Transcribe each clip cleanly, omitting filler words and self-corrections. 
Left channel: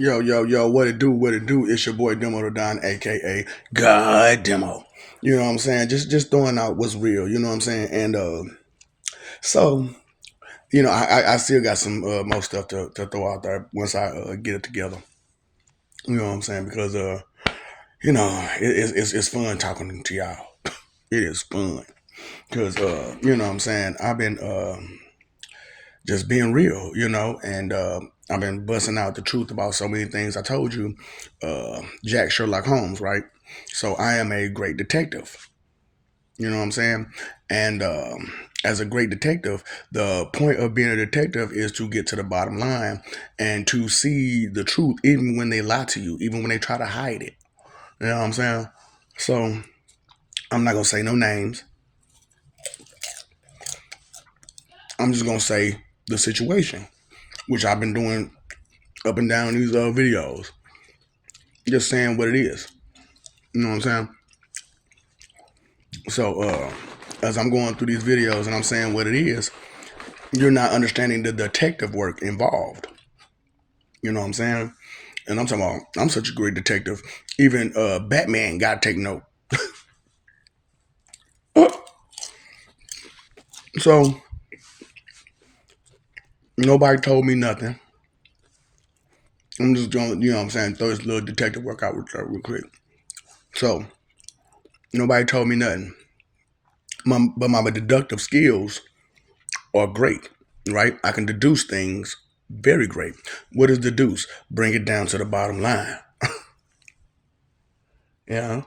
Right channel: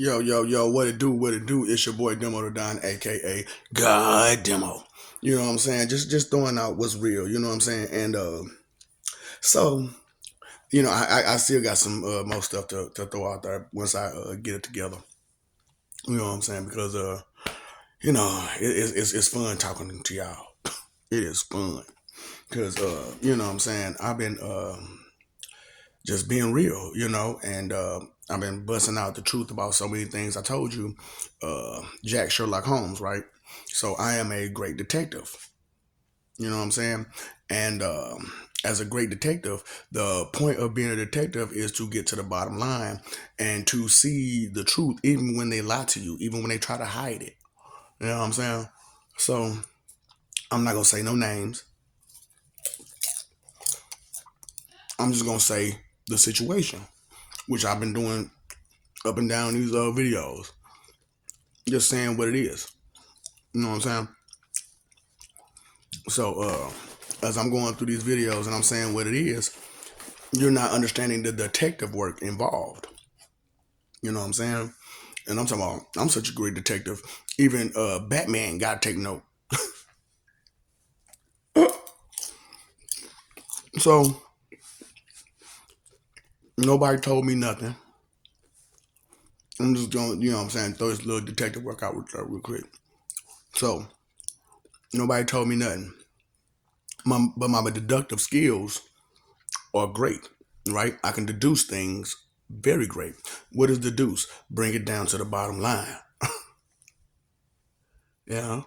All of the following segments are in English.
Yo, yo, yo, what it do, what it do? It's your boy Demo the Don, aka God Demo. You know what I'm saying? Just throwing out what's real, you know what I'm saying? And so, I still got some more stuff to throw out there once I get it together. You know what I'm saying? Because it's fun talking to y'all. It is fun. Cause you know what I'm saying, I've been just being real, and I've been busting out the truth about so many things. I told you, Jack Sherlock Holmes, right? So I am a great detective. You know what I'm saying? And as a great detective, the point of being a detective is to get to the bottom line and to see the truth, even when they lie to you, even when they try to hide it. You know what I'm saying? So I'm not gonna say no names. I'm just gonna say the situation, which I've been doing up and down these videos, just saying what it is. You know what I'm saying? So as I'm going through these videos and I'm saying what it is, you're not understanding the detective work involved. You know what I'm saying? And I'm talking about I'm such a great detective. Even Batman got to take note. So nobody told me nothing. I'm just going, you know what I'm saying, throw this little detective work out real quick. So nobody told me nothing. But my deductive skills are great, right? I can deduce things very great. What is deduce? Bring it down to the bottom line. Yeah,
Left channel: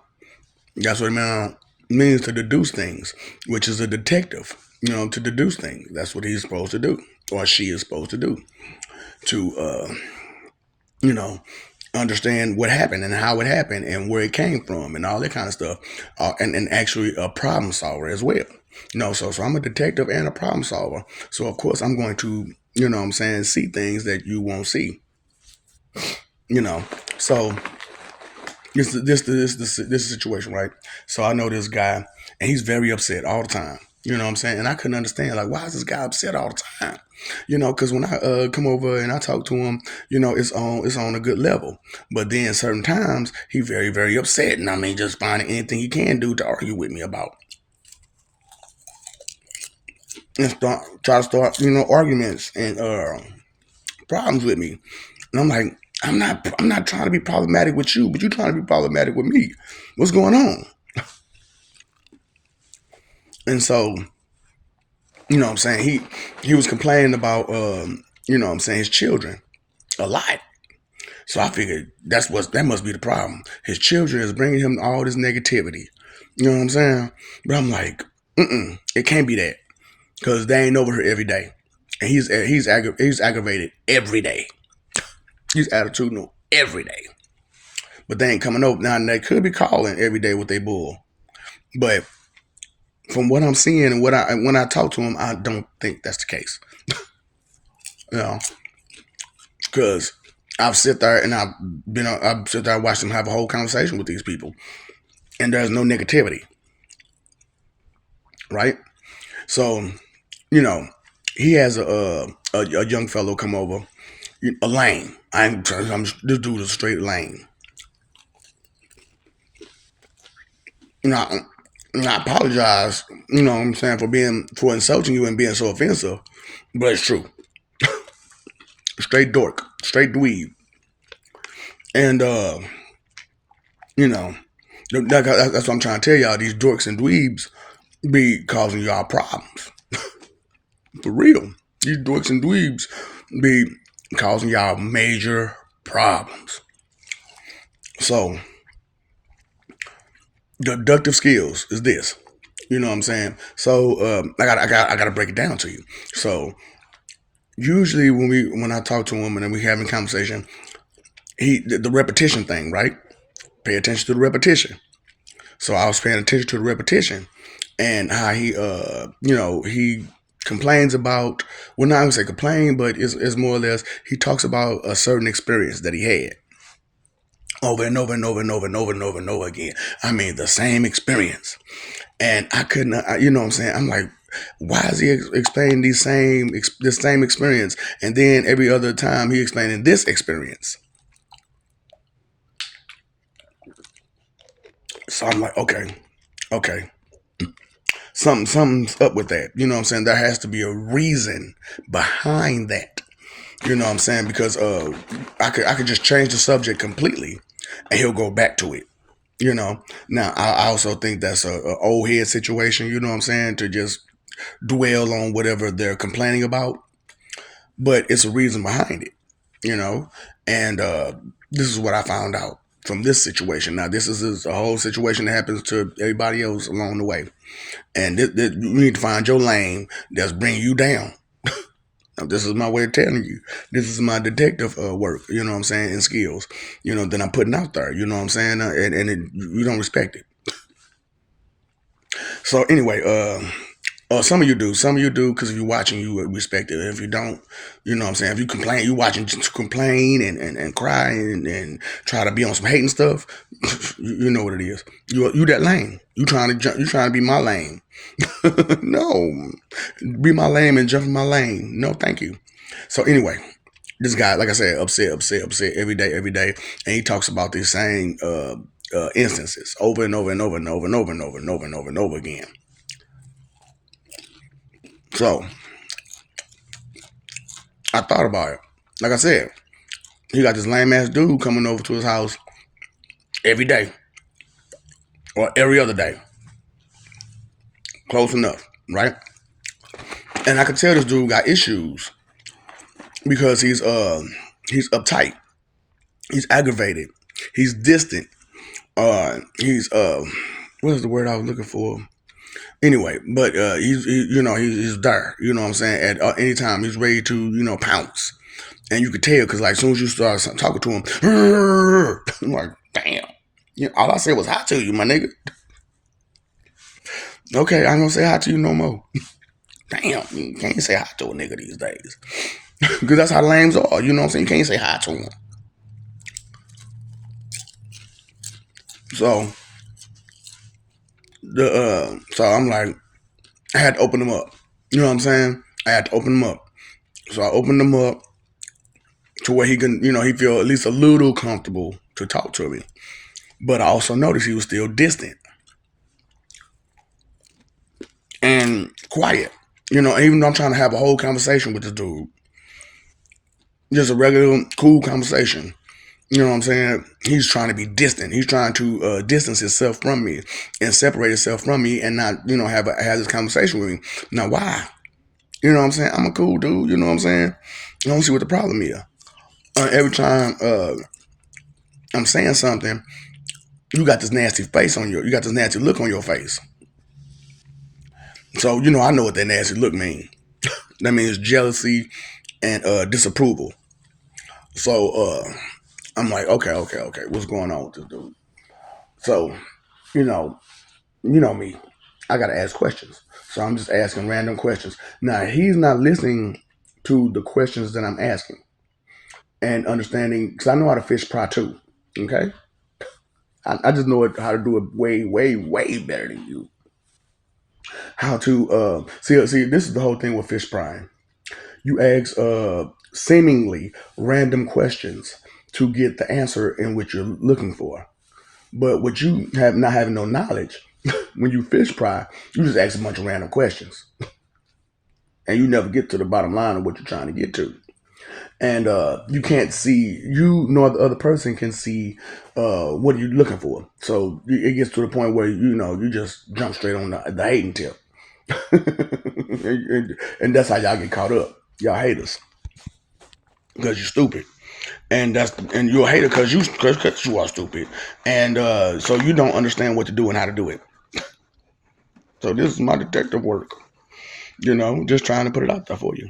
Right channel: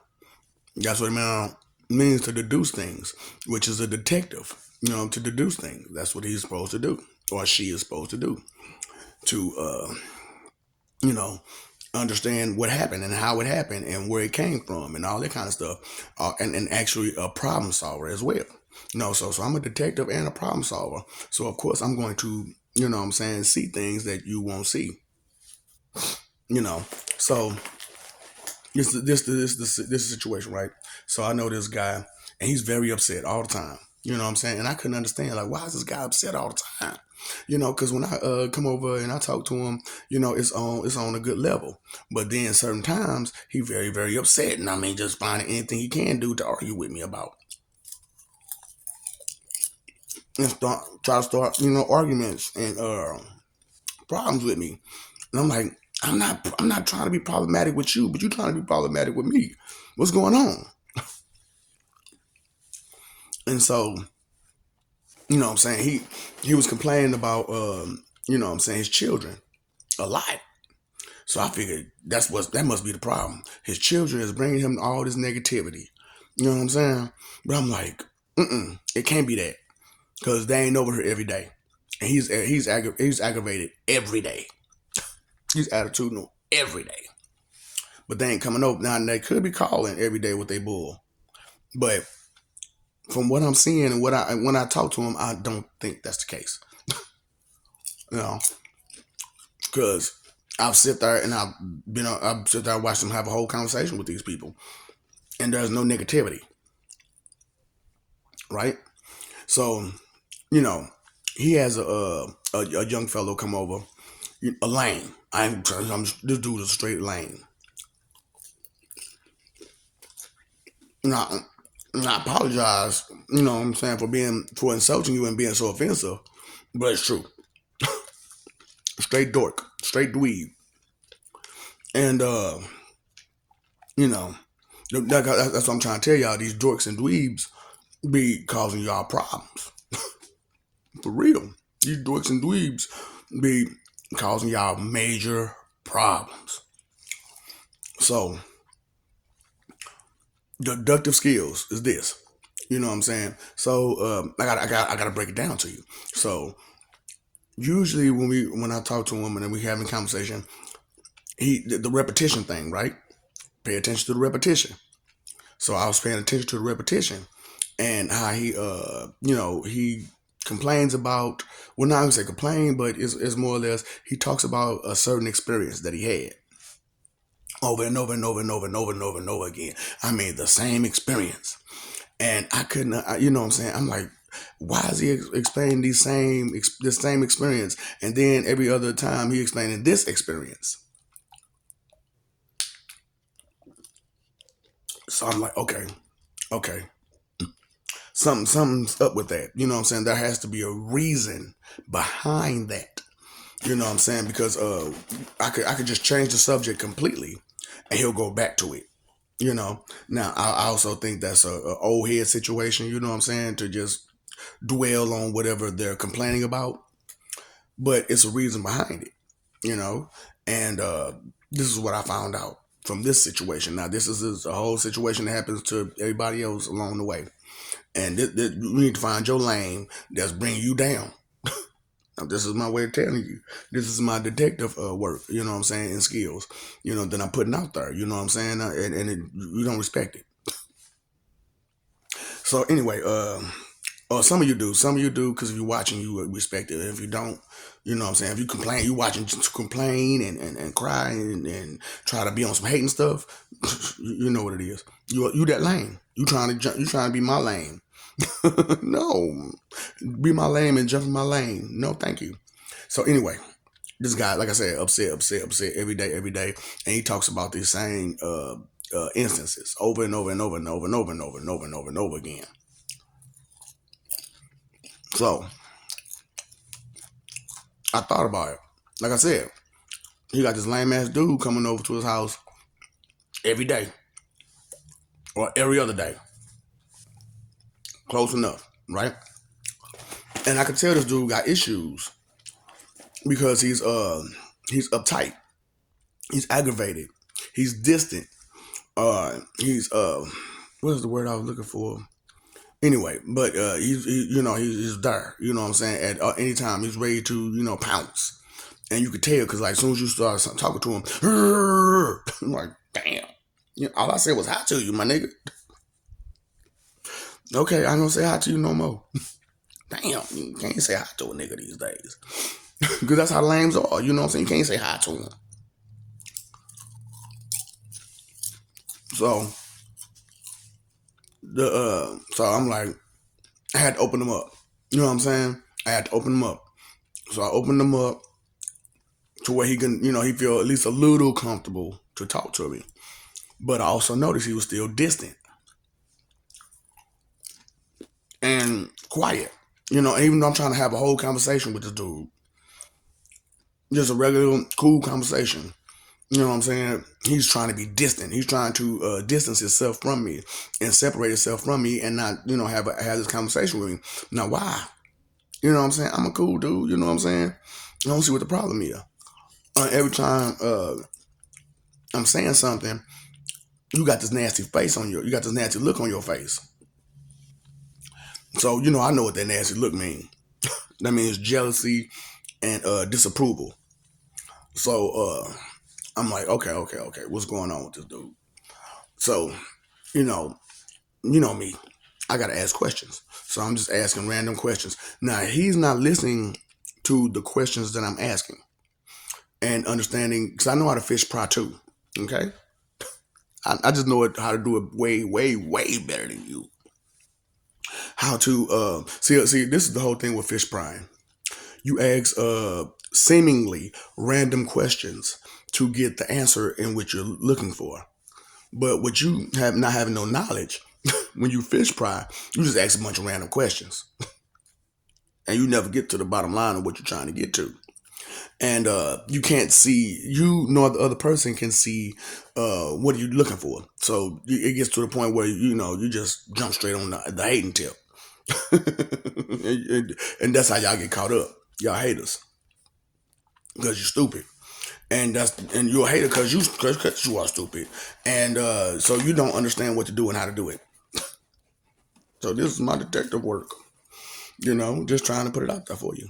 that's what it means to deduce things, which is a detective. To deduce things. That's what he's supposed to do, or she is supposed to do, to you know, understand what happened and how it happened and where it came from and all that kind of stuff, and actually a problem solver as well. So I'm a detective and a problem solver. So of course I'm going to, what I'm saying, see things that you won't see. You know, so this situation, right? So I know this guy, and he's very upset all the time. You know what I'm saying? And I couldn't understand, like, why is this guy upset all the time? Because when I come over and I talk to him, it's on a good level. But then certain times he very very upset, and I mean just finding anything he can do to argue with me about and try to start arguments and problems with me. And I'm like, I'm not trying to be problematic with you, but you're trying to be problematic with me. What's going on? And so, what I'm saying, he was complaining about what I'm saying, his children a lot. So I figured that must be the problem. His children is bringing him all this negativity. You know what I'm saying? But I'm like, it can't be that because they ain't over here every day, and he's aggravated every day. He's attitudinal every day, but they ain't coming over now. And they could be calling every day with their bull, but from what I'm seeing and when I talk to him, I don't think that's the case. You know, because I've sit there and I've sit there and watched them have a whole conversation with these people, and there's no negativity, right? So, you know, he has a young fellow come over, a lame. This dude is straight lame. You know, I apologize. You know what I'm saying, for insulting you and being so offensive, but it's true. Straight dork, straight dweeb, and you know, that's what I'm trying to tell y'all. These dorks and dweebs be causing y'all problems. For real. These dorks and dweebs be causing y'all major problems. So, deductive skills is this. You know what I'm saying? So, I gotta break it down to you. So, usually when I talk to a woman and we having conversation, the repetition thing, right? Pay attention to the repetition. So I was paying attention to the repetition and how he complains about, well, not gonna say complain, but it's more or less he talks about a certain experience that he had over and over and over and over and over and over and over again. I mean, the same experience. And I couldn't, you know what I'm saying? I'm like, why is he explaining this same experience, and then every other time he explaining this experience? So I'm like, okay, okay, something's up with that. You know what I'm saying? There has to be a reason behind that. You know what I'm saying? Because I could just change the subject completely, and he'll go back to it. You know. Now I also think that's a old head situation. You know what I'm saying? To just dwell on whatever they're complaining about, but it's a reason behind it. You know, and this is what I found out from this situation. Now this is a whole situation that happens to everybody else along the way, and you need to find your lane that's bringing you down. Now, this is my way of telling you. This is my detective work, you know what I'm saying, and skills, that I'm putting out there, you know what I'm saying, you don't respect it. So anyway, some of you do. Some of you do because if you're watching, you respect it. And if you don't, you know what I'm saying? If you complain, you watching just to complain and cry and try to be on some hating stuff, you know what it is. You that lame. You trying to be my lame. No. Be my lame and jump in my lane. No, thank you. So anyway, this guy, like I said, upset every day, and he talks about these same instances over and over and over and over and over and over and over and over and over again. So I thought about it. Like I said, he got this lame ass dude coming over to his house every day or every other day. Close enough, right? And I could tell this dude got issues because he's uptight, he's aggravated, he's distant, he's what's the word I was looking for? Anyway, but he's there. You know what I'm saying? At any time, he's ready to pounce, and you could tell because like as soon as you start talking to him, I'm like, damn. All I said was hi to you, my nigga. Okay, I don't say hi to you no more. Damn, you can't say hi to a nigga these days because that's how lames are. You know what I'm saying? You can't say hi to him. So so I'm like, I had to open them up. You know what I'm saying? I had to open them up. So I opened them up to where he can, he feel at least a little comfortable to talk to me. But I also noticed he was still distant and quiet. Even though I'm trying to have a whole conversation with this dude, just a regular, cool conversation. You know what I'm saying? He's trying to be distant. He's trying to distance himself from me and separate himself from me and not, have this conversation with me. Now, why? You know what I'm saying? I'm a cool dude. You know what I'm saying? I don't see what the problem is. Every time I'm saying something, you got this nasty face on you got this nasty look on your face. So, I know what that nasty look means. That means jealousy and disapproval. So, I'm like, okay, what's going on with this dude? So, you know, you know me. I gotta ask questions. So I'm just asking random questions. Now he's not listening to the questions that I'm asking and understanding because I know how to fish fry too. Okay, I just know how to do it way, way, way better than you. How to see this is the whole thing with fish frying. You ask seemingly random questions to get the answer in which you're looking for. But what you have not having no knowledge, when you fish fry, you just ask a bunch of random questions. And you never get to the bottom line of what you're trying to get to. And you can't see, you nor the other person can see what are you looking for. So it gets to the point where, you just jump straight on the hating tip. and that's how y'all get caught up. Y'all haters because you're stupid, and you're a hater because you are stupid, and so you don't understand what to do and how to do it. So this is my detective work, just trying to put it out there for you.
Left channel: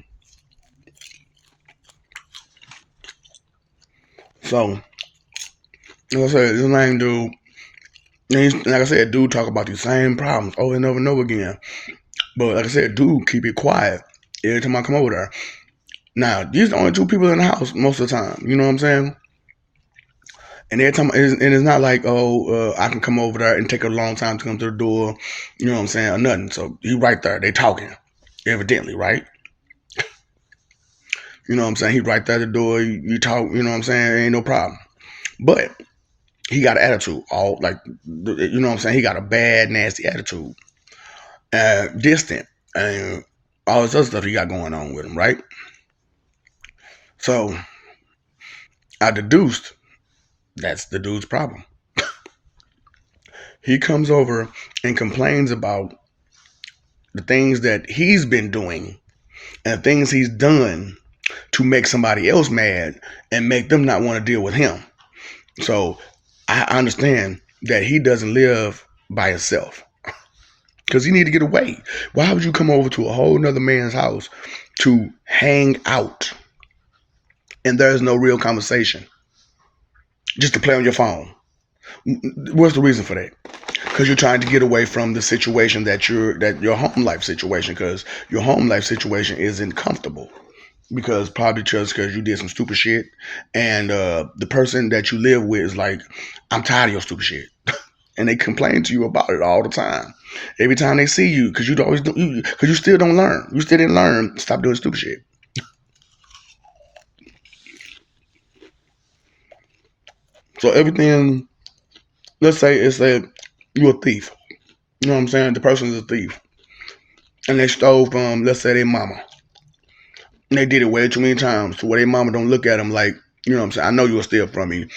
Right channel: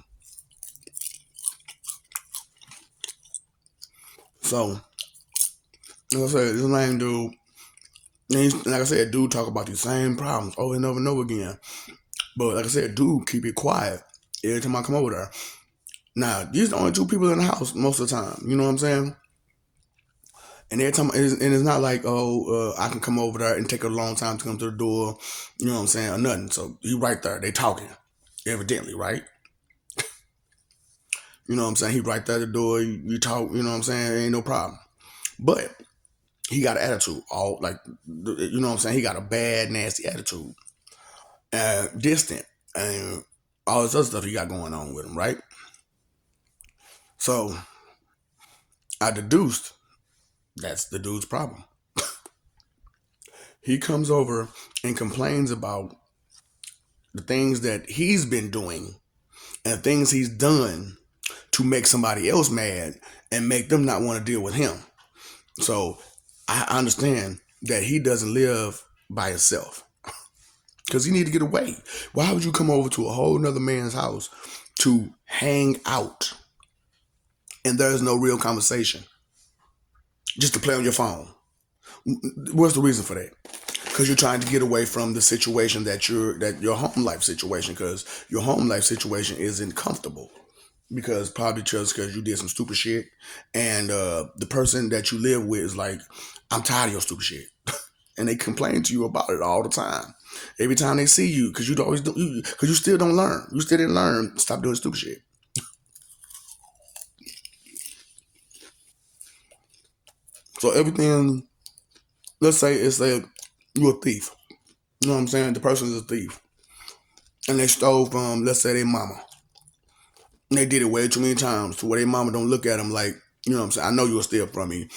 So like I said, this lame dude, like I said, dude talk about these same problems over and over and over again. But like I said, dude keep it quiet every time I come over there. Now these are the only two people in the house most of the time. You know what I'm saying? And every time, and it's not like, I can come over there and take a long time to come to the door, you know what I'm saying, or nothing. So he right there, they talking, evidently, right? You know what I'm saying? He right there at the door, you talk, you know what I'm saying, ain't no problem. But He got an attitude, all like, you know what I'm saying. He got a bad, nasty attitude, distant, and all this other stuff he got going on with him, right? So I deduced that's the dude's problem. He comes over and complains about the things that he's been doing and things he's done to make somebody else mad and make them not want to deal with him. So I understand that he doesn't live by himself because he need to get away. Why would you come over to a whole nother man's house to hang out and there's no real conversation, just to play on your phone? What's the reason for that? Because you're trying to get away from the situation that your home life situation, because your home life situation isn't comfortable, because probably just because you did some stupid shit, and the person that you live with is like, I'm tired of your stupid shit, and they complain to you about it all the time. Every time they see you, because you always do, because you still don't learn, you still didn't learn. Stop doing stupid shit. So everything, let's say it's that you're a thief. You know what I'm saying? The person is a thief, and they stole from, let's say, their mama. And they did it way too many times to where their mama don't look at them like, you know what I'm saying? I know you'll steal from me.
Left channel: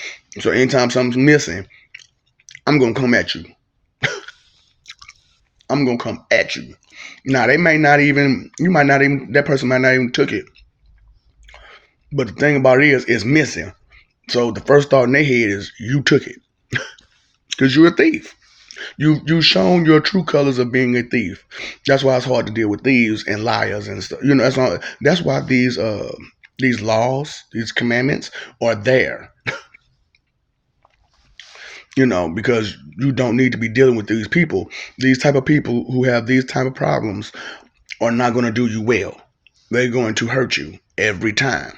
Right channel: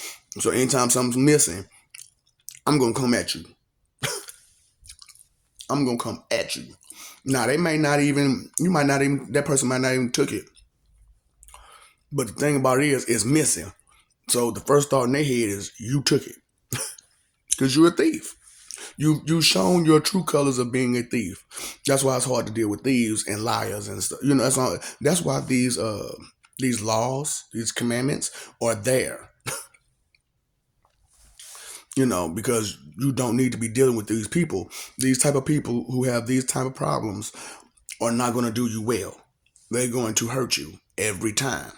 So anytime something's missing, I'm gonna come at you. I'm gonna come at you. Now they may not even, you might not even, that person might not even took it. But the thing about it is, it's missing. So the first thought in their head is, you took it because you're a thief. You've shown your true colors of being a thief. That's why it's hard to deal with thieves and liars and stuff. You know, that's why these laws, these commandments are there. You know, because you don't need to be dealing with these people. These type of people who have these type of problems are not going to do you well. They're going to hurt you every time.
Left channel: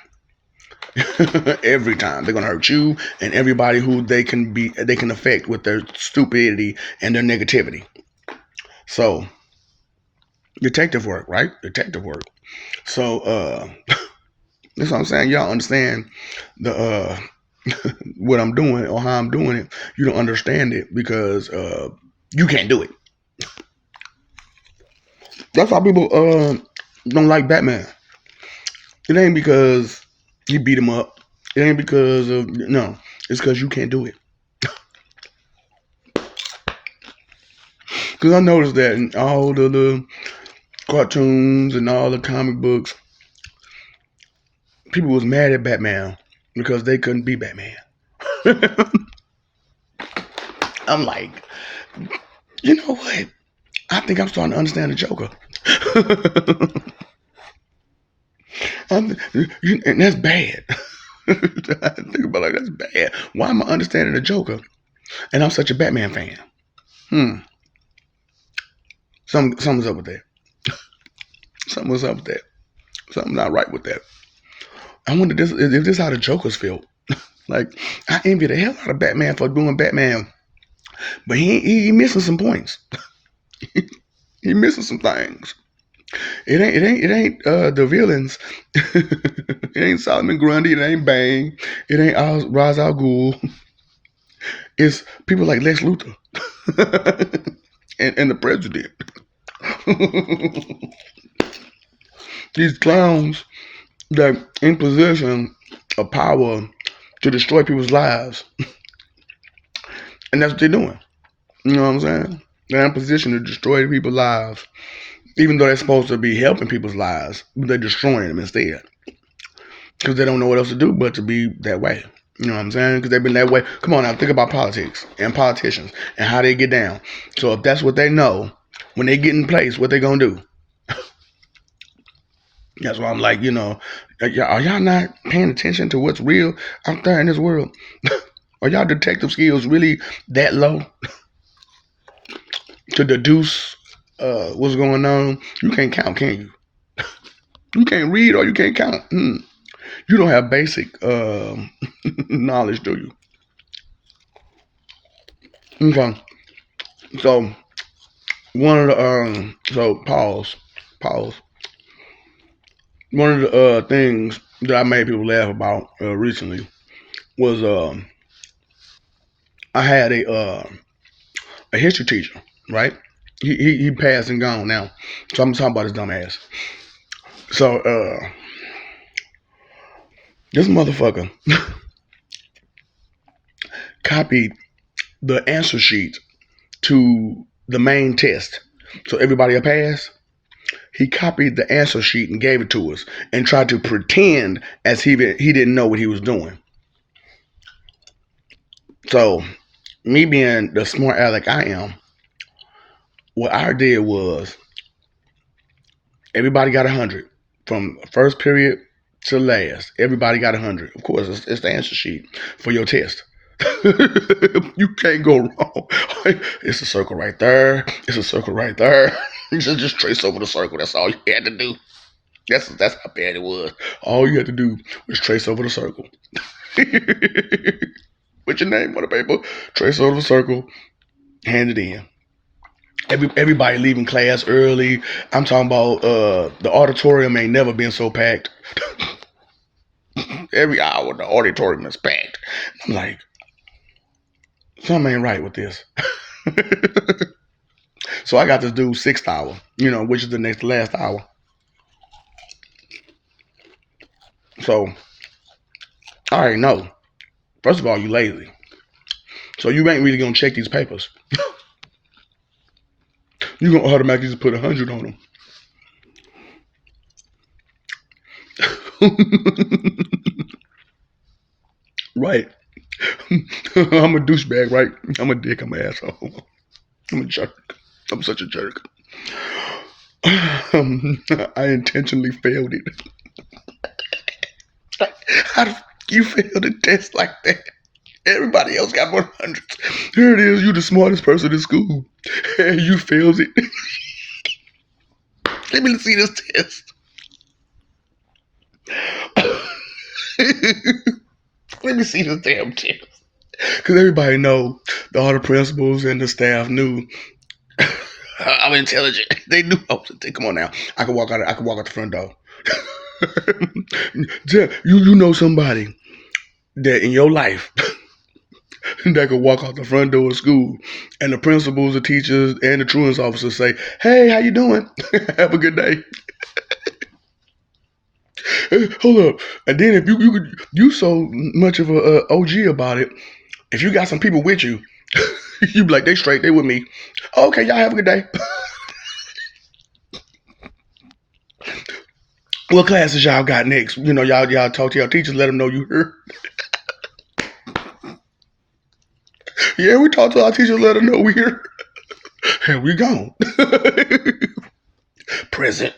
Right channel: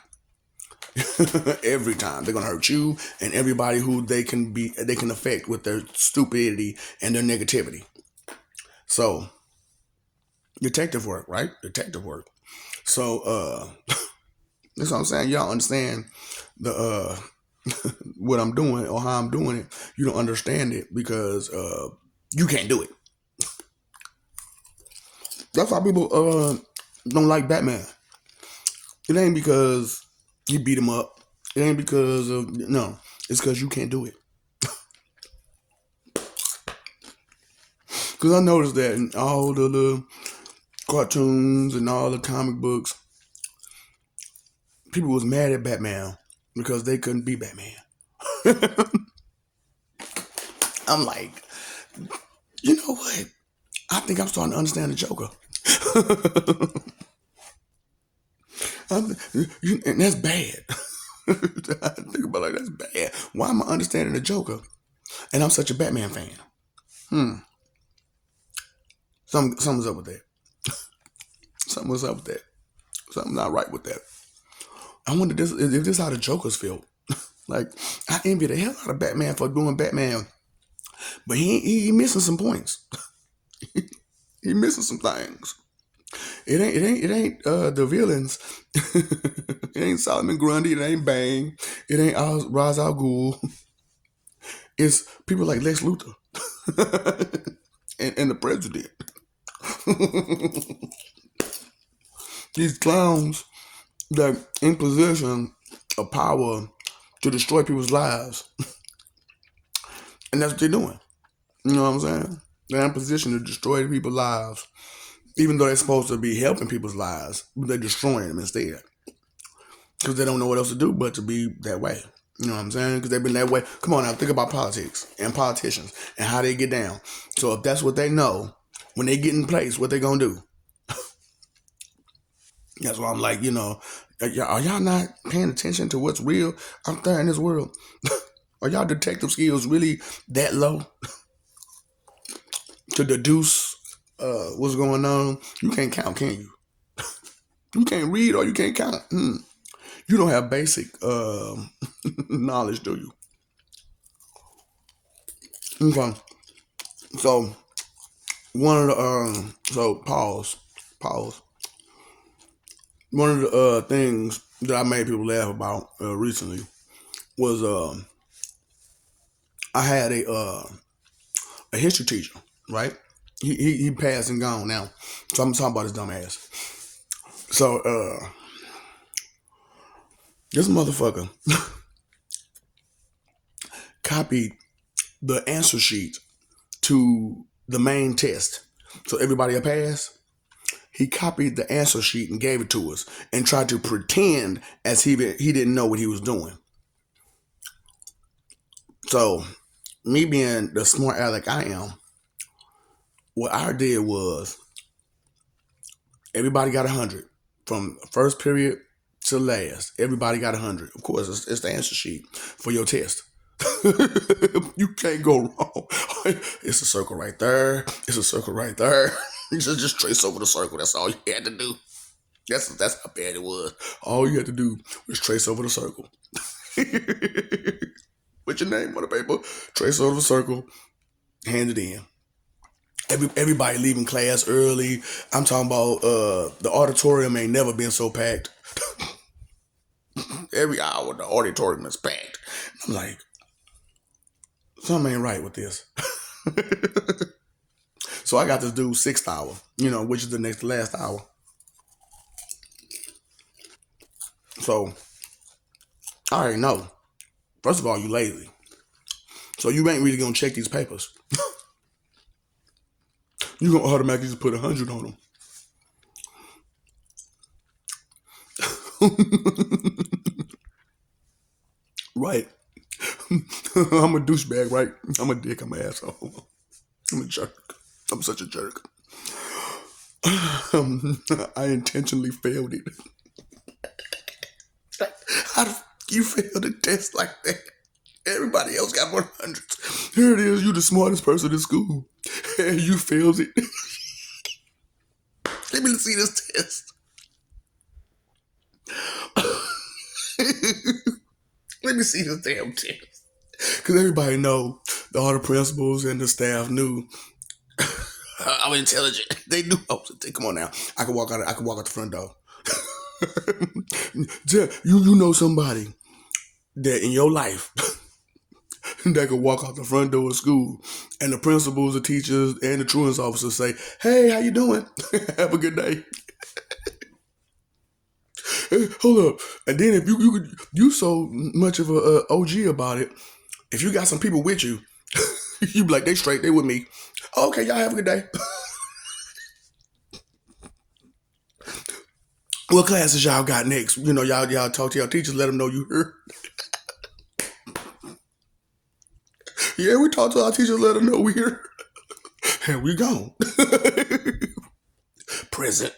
Every time they're going to hurt you and everybody who they can affect with their stupidity and their negativity. So detective work, right? Detective work. So that's what I'm saying. Y'all understand the what I'm doing or how I'm doing it. You don't understand it because you can't do it. That's why people don't like Batman. It ain't because he beat him up. It ain't because of, no. It's because you can't do it. Because I noticed that in all the cartoons and all the comic books, people was mad at Batman because they couldn't be Batman. I'm like, you know what? I think I'm starting to understand the Joker. And that's bad. I think about it, like, that's bad. Why am I understanding the Joker? And I'm such a Batman fan. Something's up with that. Something was up with that. Something not right with that. I wonder if this is how the Jokers feel. Like, I envy the hell out of Batman for doing Batman, but he missing some points. He missing some things. It ain't the villains. It ain't Solomon Grundy. It ain't Bane. It ain't Ra's al Ghul. It's people like Lex Luthor and the president. These clowns that in possession of power to destroy people's lives, and that's what they're doing. You know what I'm saying? They're in position to destroy people's lives, even though they're supposed to be helping people's lives, but they're destroying them instead because they don't know what else to do but to be that way. You know what I'm saying? Because they've been that way. Come on now, think about politics and politicians and how they get down. So if that's what they know, when they get in place, what they gonna do? That's why I'm like, are y'all not paying attention to what's real out there in this world? Are y'all detective skills really that low to deduce what's going on? You can't count, can you? You can't read or you can't count. You don't have basic knowledge, do you? Okay. So one of the pause. One of the things that I made people laugh about recently was I had a history teacher, right? He passed and gone now. So I'm talking about his dumb ass. So this motherfucker copied the answer sheet to the main test. So everybody will pass. He copied the answer sheet and gave it to us and tried to pretend as he didn't know what he was doing. So me being the smart aleck I am, what I did was everybody got 100 from first period to last. Everybody got 100. Of course, it's the answer sheet for your test. You can't go wrong. It's a circle right there. It's a circle right there. You just trace over the circle. That's all you had to do. That's how bad it was. All you had to do was trace over the circle. Put your name on the paper, trace over the circle, hand it in. Everybody leaving class early. I'm talking about the auditorium ain't never been so packed. Every hour the auditorium is packed. I'm like, something ain't right with this. So I got to do 6th hour, which is the next to last hour. So I already know. First of all, you lazy. So you ain't really gonna check these papers. You gonna automatically just put 100 on them. Right. I'm a douchebag, right? I'm a dick, I'm an asshole. I'm a jerk. I'm such a jerk. I intentionally failed it. How do you fail the test like that? Everybody else got 100s. Here it is, you the smartest person in school. And you failed it. Let me see this test. Let me see this damn test. Because everybody know, all the principals and the staff knew I'm intelligent. They knew I was. Come on now, I can walk out. I can walk out the front door. You know somebody that in your life that could walk out the front door of school, and the principals, the teachers, and the truant's officers say, "Hey, how you doing? Have a good day." Hold up, and then if you so much of a OG about it, if you got some people with you, you be like, they straight, they with me. Okay, y'all have a good day. What classes y'all got next? Y'all talk to your teachers, let them know you heard. Yeah, we talk to our teachers, let them know we here. And we gone. Present.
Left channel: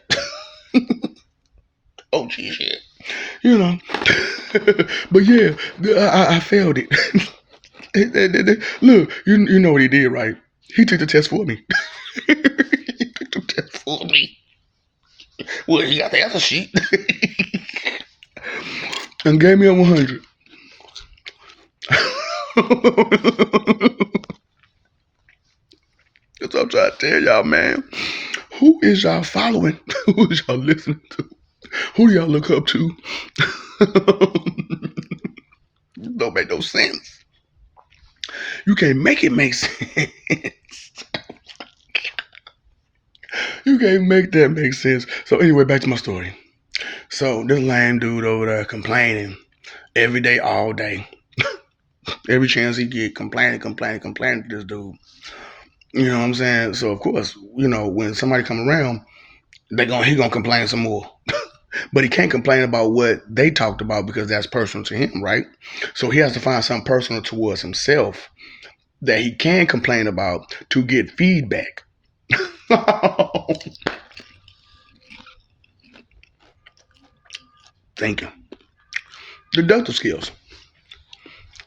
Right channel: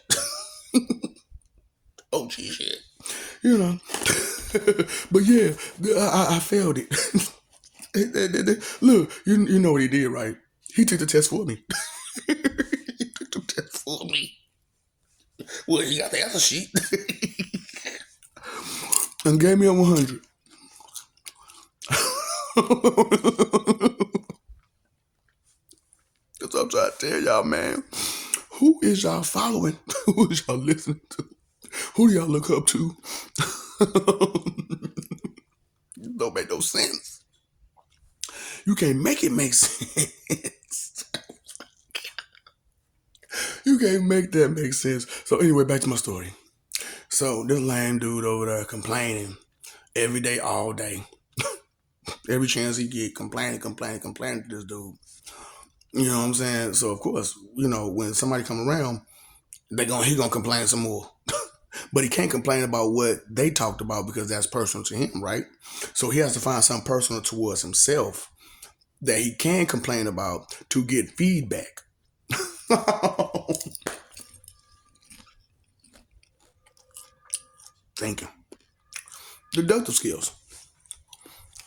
Oh, gee, shit. But yeah, I failed it. Look, you know what he did, right? He took the test for me. He took the test for me. Well, he got the answer sheet. And gave me a 100. That's what I'm trying to tell y'all, man. Who is y'all following? Who is y'all listening to? Who do y'all look up to? Don't make no sense. You can't make it make sense. You can't make that make sense. So anyway, back to my story. So this lame dude over there complaining every day, all day. Every chance he get, complaining to this dude. You know what I'm saying? So of course, when somebody come around, he gonna complain some more. But he can't complain about what they talked about because that's personal to him, right? So he has to find something personal towards himself that he can complain about to get feedback. Thank you. Deductive skills.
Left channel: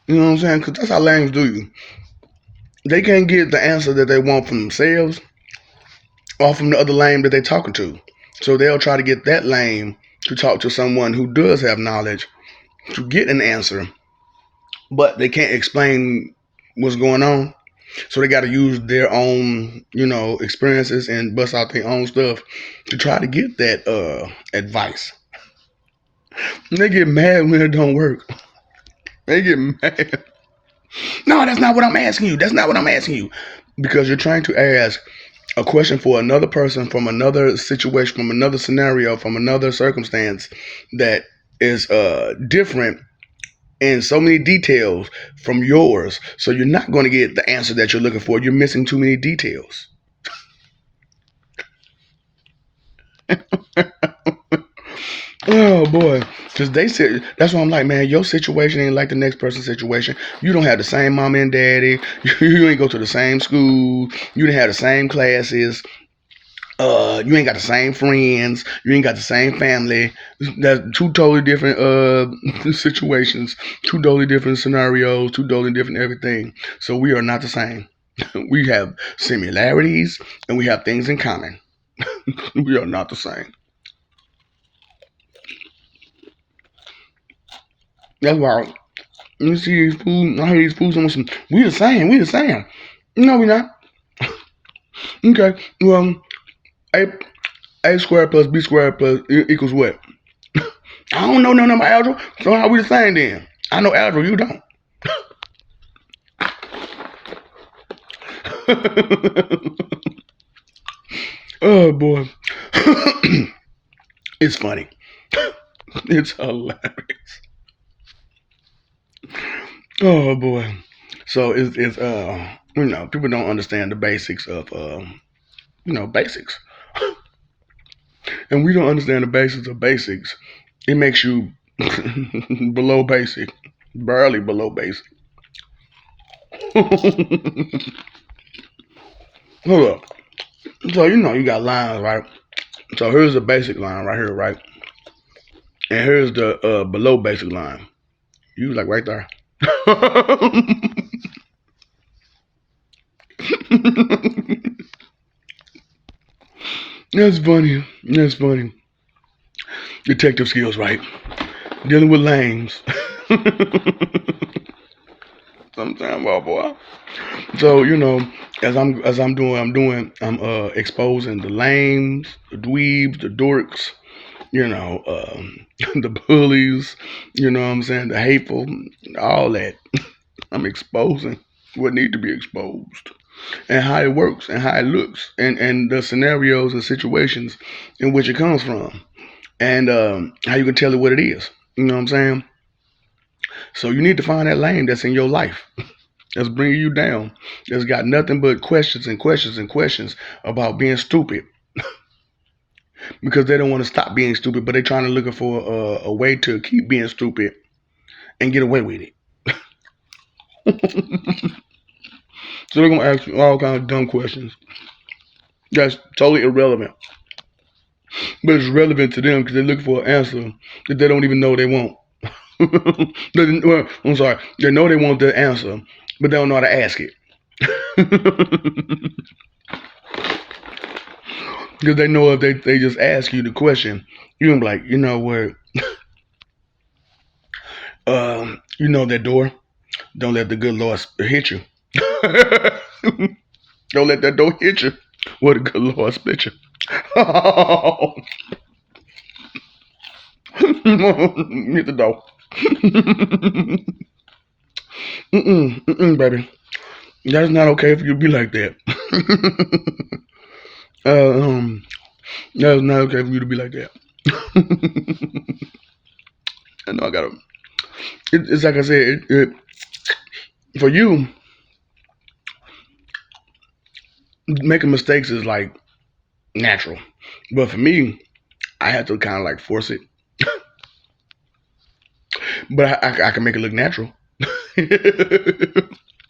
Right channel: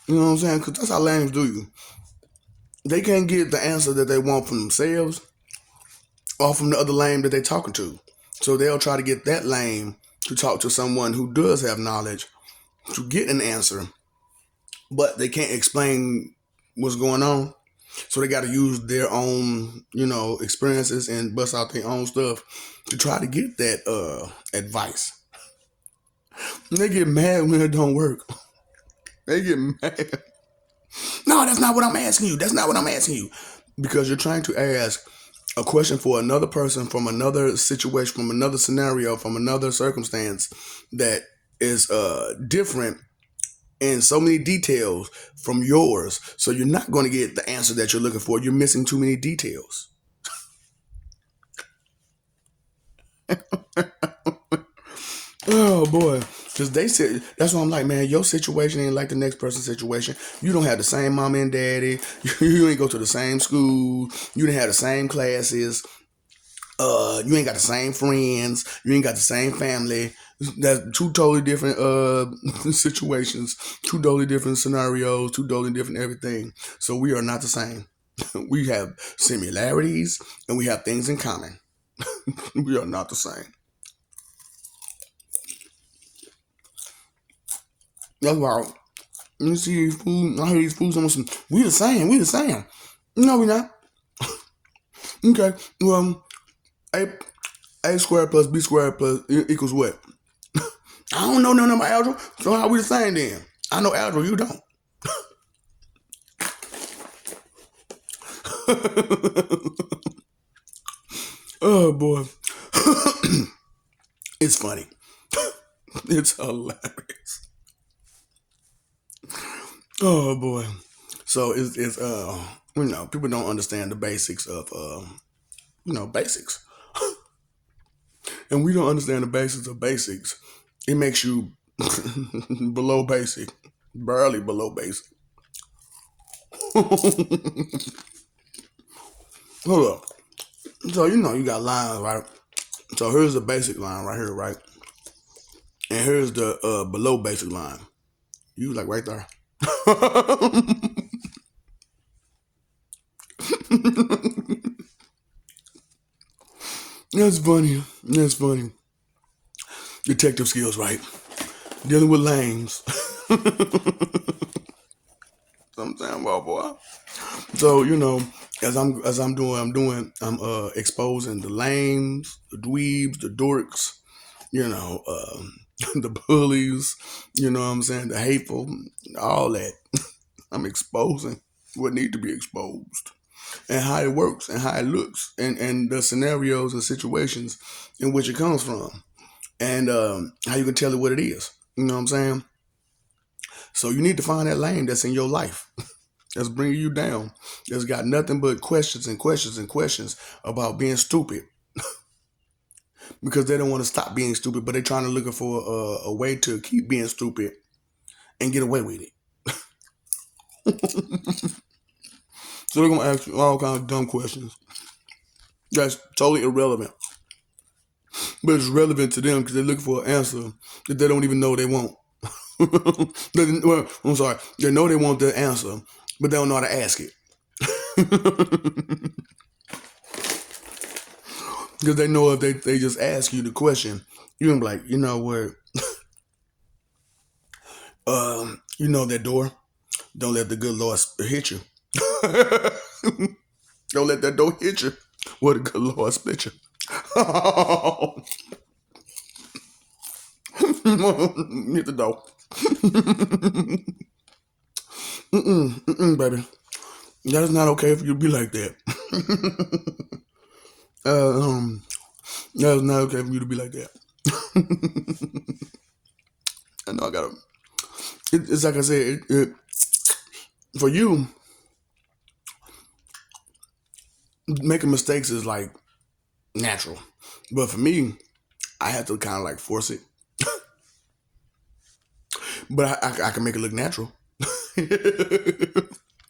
You know what I'm saying? Because that's how lames do you. They can't get the answer that they want from themselves or from the other lame that they're talking to. So they'll try to get that lame to talk to someone who does have knowledge to get an answer, but they can't explain what's going on. So they got to use their own, experiences and bust out their own stuff to try to get that advice. And they get mad when it don't work. They get mad. No, that's not what I'm asking you. That's not what I'm asking you. Because you're trying to ask a question for another person from another situation, from another scenario, from another circumstance that is different in so many details from yours. So you're not going to get the answer that you're looking for. You're missing too many details. Oh boy, because they said that's why I'm like, man, your situation ain't like the next person's situation. You don't have the same mom and daddy. You ain't go to the same school. You didn't have the same classes. You ain't got the same friends. You ain't got the same family. That's two totally different situations, two totally different scenarios, two totally different everything. So we are not the same. We have similarities and we have things in common. We are not the same. That's why you see these food. I hear these foods on some. We the same. We the same. No, we not. Okay. Well, a squared plus b squared plus equals what? I don't know nothing about algebra. So how we the same then? I know algebra. You don't. Oh boy, it's funny. It's hilarious. Oh boy. So it's people don't understand the basics of basics, and we don't understand the basics of basics. It makes you below basic, barely below basic. Hold up. So you got lines, right? So here's the basic line right here, right? And here's the below basic line. You like right there. That's funny. That's funny. Detective skills, right? Dealing with lames. Sometimes, oh boy. So I'm exposing the lames, the dweebs, the dorks, the bullies. You know what I'm saying? The hateful, all that. I'm exposing what need to be exposed, and how it works, and how it looks, and the scenarios and situations in which it comes from, and how you can tell it what it is. You know what I'm saying? So you need to find that lane that's in your life that's bringing you down. That's got nothing but questions and questions and questions about being stupid because they don't want to stop being stupid, but they're trying to looking for a way to keep being stupid and get away with it. So they're gonna ask you all kinds of dumb questions that's totally irrelevant, but it's relevant to them because they're looking for an answer that they don't even know they want. Well, I'm sorry, they know they want the answer, but they don't know how to ask it. Because they know if they just ask you the question, you're gonna be like, you know what? You know that door. Don't let the good Lord hit you. Don't let that door hit you. What a good Lord split you. Hit the door. Baby. That's not okay for you to be like that. uh, um, that's not okay for you to be like that. I know I gotta. It's like I said, for you, making mistakes is like natural, but for me, I have to kind of like force it. But I can make it look natural. I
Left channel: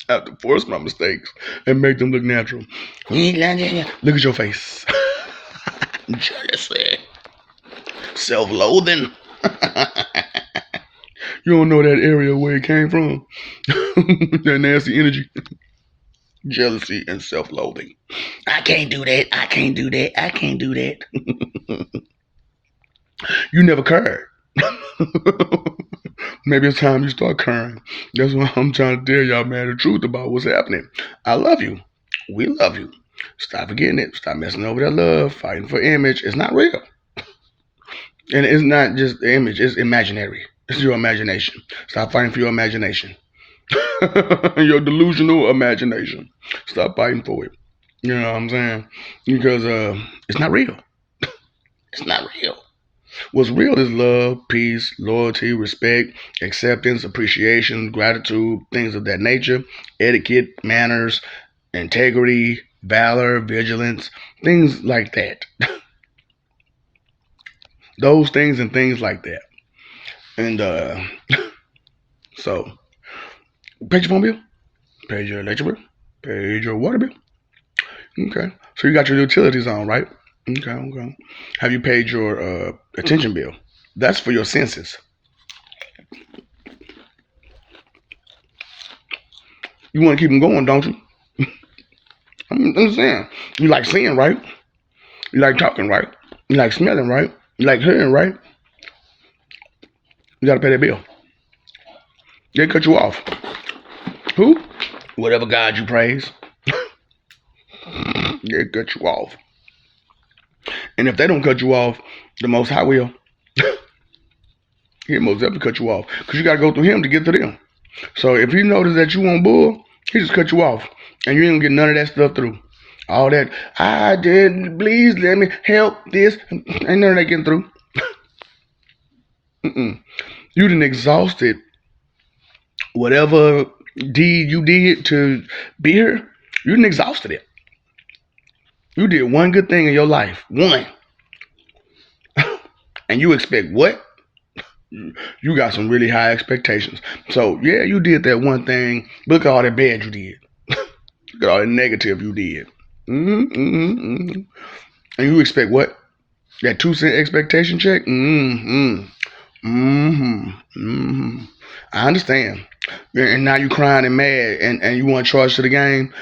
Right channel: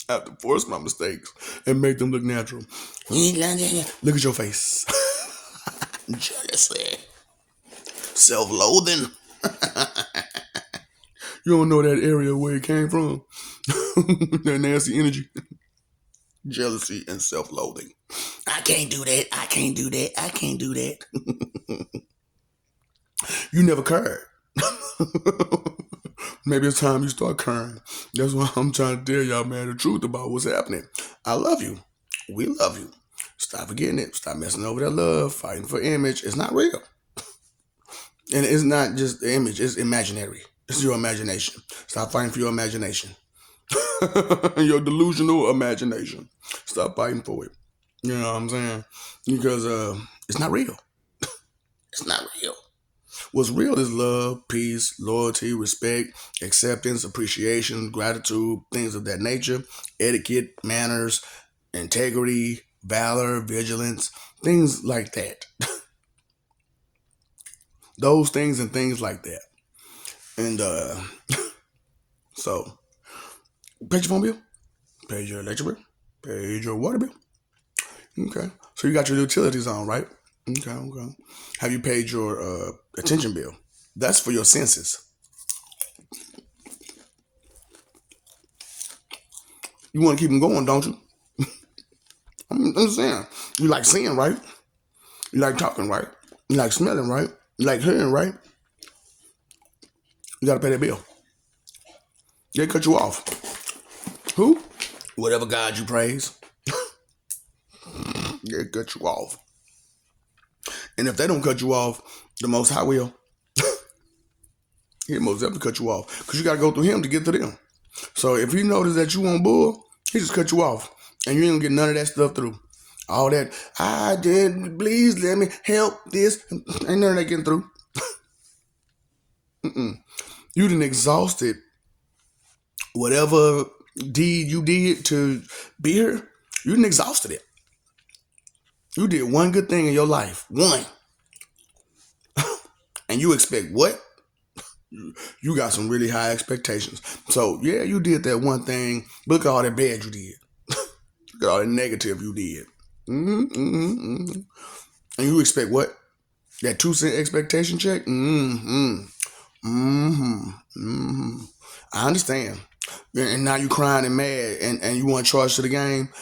have to force my mistakes and make them look natural. Look at your face. Jealousy. Self-loathing. You don't know that area where it came from. That nasty energy. Jealousy and self-loathing. I can't do that. I can't do that. I can't do that. You never cared. Maybe it's time you start caring. That's why I'm trying to tell y'all, man, the truth about what's happening. I love you. We love you. Stop forgetting it. Stop messing over that love, fighting for image. It's not real. And it's not just the image, it's imaginary. It's your imagination. Stop fighting for your imagination. Your delusional imagination. Stop fighting for it. You know what I'm saying? Because it's not real. It's not real. What's real is love, peace, loyalty, respect, acceptance, appreciation, gratitude, things of that nature, etiquette, manners, integrity, valor, vigilance, things like that. Those things and things like that. And so, pay your phone bill, pay your electric bill, pay your water bill. Okay. So you got your utilities on, right? Okay, okay. Have you paid your attention bill? That's for your senses. You want to keep them going, don't you? I'm saying. You like seeing, right? You like talking, right? You like smelling, right? You like hearing, right? You got to pay that bill. They cut you off. Who? Whatever God you praise. They cut you off. And if they don't cut you off, the Most High will. He'll most definitely cut you off. Because you got to go through him to get to them. So if he notices that you want bull, he just cut you off. And you ain't gonna get none of that stuff through. All that, I did, please let me help this. Ain't none of that getting through. You done exhausted whatever deed you did to be here. You done exhausted it. You did one good thing in your life. One. And you expect what? You got some really high expectations. So, yeah, you did that one thing. Look at all that bad you did. Look at all that negative you did. And you expect what? That 2 cent expectation check? I understand. And now you crying and mad and you want charged to the game.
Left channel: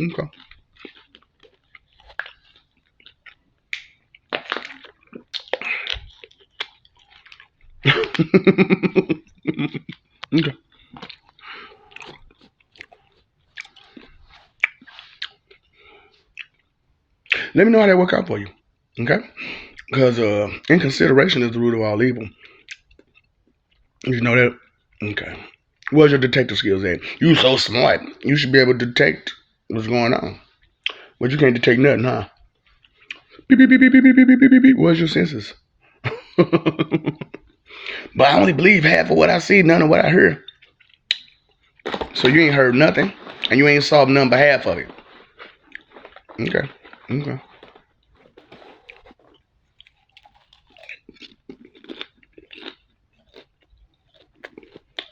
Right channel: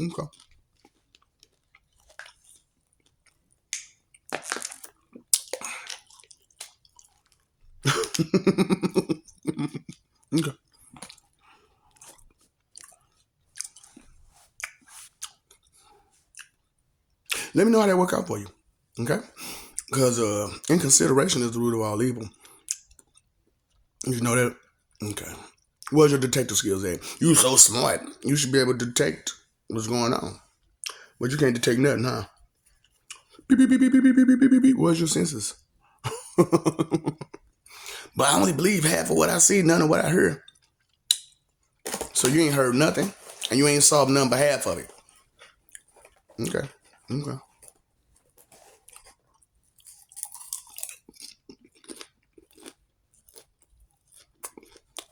Okay. Okay. Let me know how that work out for you. Okay? Because inconsideration is the root of all evil. You know that? Okay. Where's your detective skills at? You so smart. You should be able to detect what's going on. But you can't detect nothing, huh? Beep, beep, beep, beep, beep, beep, beep, beep, beep, beep. Where's your senses? But I only believe half of what I see, none of what I hear. So you ain't heard nothing, and you ain't saw none but half of it. Okay. Okay.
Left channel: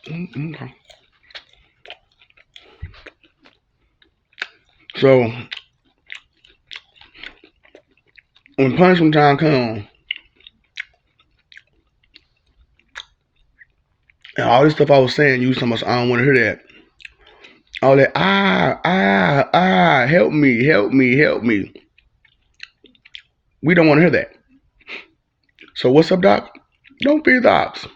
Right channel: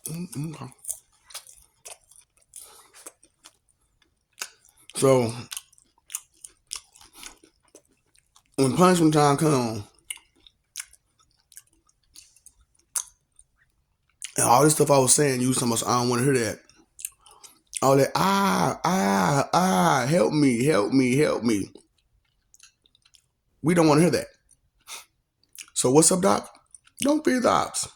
Okay. So when punishment time comes, and all this stuff I was saying, you so much, I don't want to hear that. All that, help me, help me, help me. We don't want to hear that. So what's up, Doc? Don't feed the ops.